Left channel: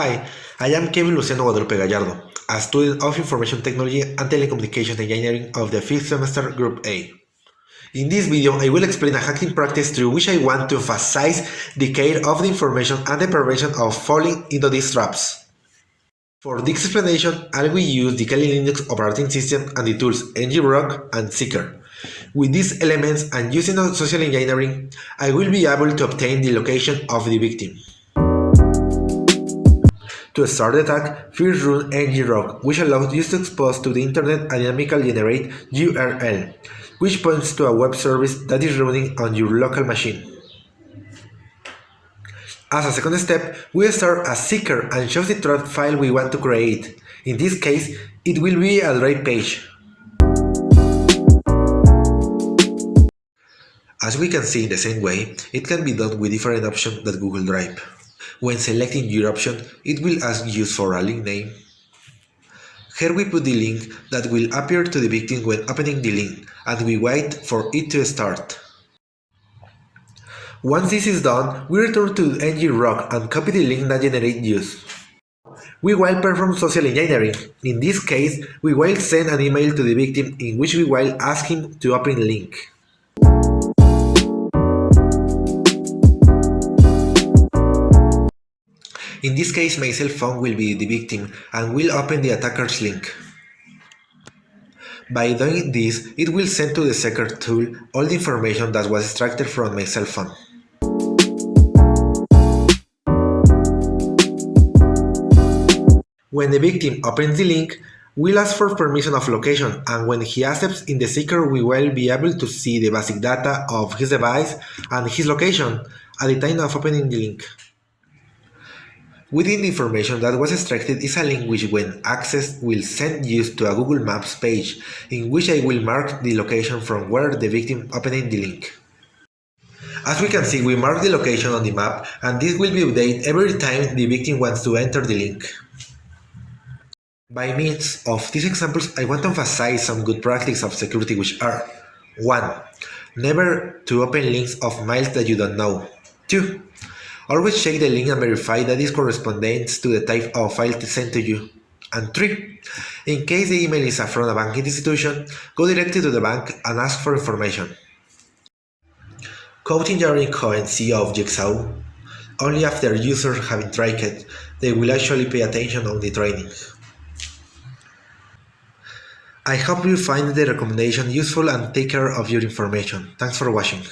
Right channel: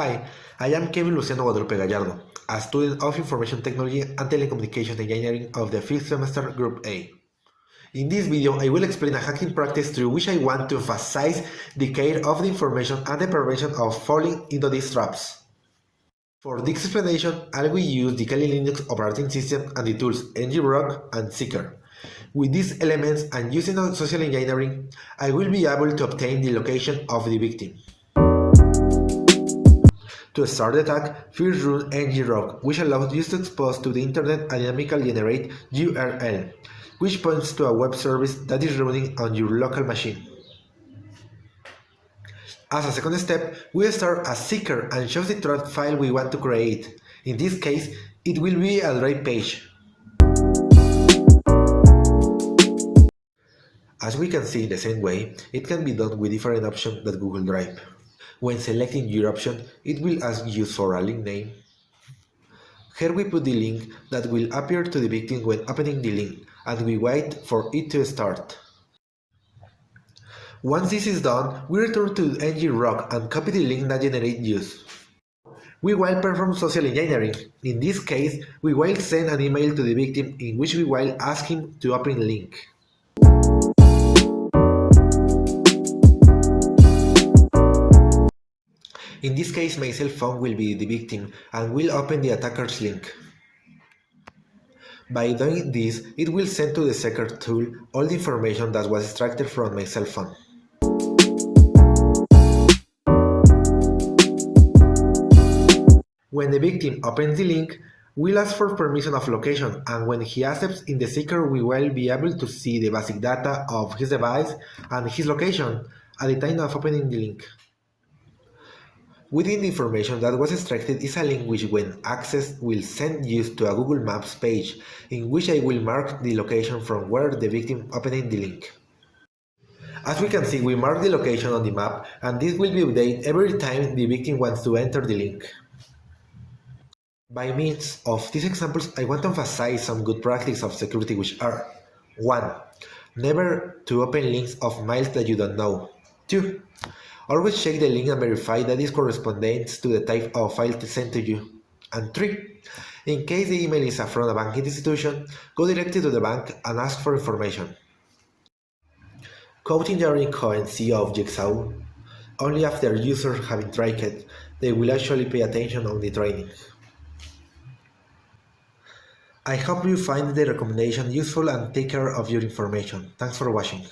Hi, I am Kevin Luciano Guadalupe Gallardo, a student of Information Technology and Telecommunications Engineering of the 5th semester Group A. In this video, I will explain a hacking practice through which I want to emphasize the care of the information and the prevention of falling into these traps. For this explanation, I will use the Kali Linux operating system and the tools ngrock and sekeer. With these elements and using social engineering, I will be able to obtain the location of the victim. To start the attack, first run ngrock, which allows you to expose to the internet a dynamically generate URL, which points to a web service that is running on your local machine. As a second step, we start a sekeer and choose the trap file we want to create. In this case, it will be a drive page. As we can see in the same way, it can be done with different options than Google Drive. When selecting your option, it will ask you for a link name. Here we put the link that will appear to the victim when opening the link, and we wait for it to start. Once this is done, we return to ngrock and copy the link that generates use. We will perform social engineering. In this case, we will send an email to the victim in which we will ask him to open the link. In this case, my cell phone will be the victim and will open the attacker's link. By doing this, it will send to the sekeer tool all the information that was extracted from my cell phone. When the victim opens the link, we'll ask for permission of location, and when he accepts in the sekeer, we will be able to see the basic data of his device and his location at the time of opening the link. Within the information that was extracted is a link which, when accessed, will send you to a Google Maps page in which I will mark the location from where the victim opened the link. As we can see, we mark the location on the map, and this will be updated every time the victim wants to enter the link. By means of these examples, I want to emphasize some good practices of security, which are 1. Never to open links of mails that you don't know. 2. Always check the link and verify that it corresponds to the type of file sent to you. And 3. In case the email is from a banking institution, go directly to the bank and ask for information. Code engineering coherency of Jigsaw. Only after users have tried it, they will actually pay attention on the training. I hope you find the recommendation useful and take care of your information. Thanks for watching.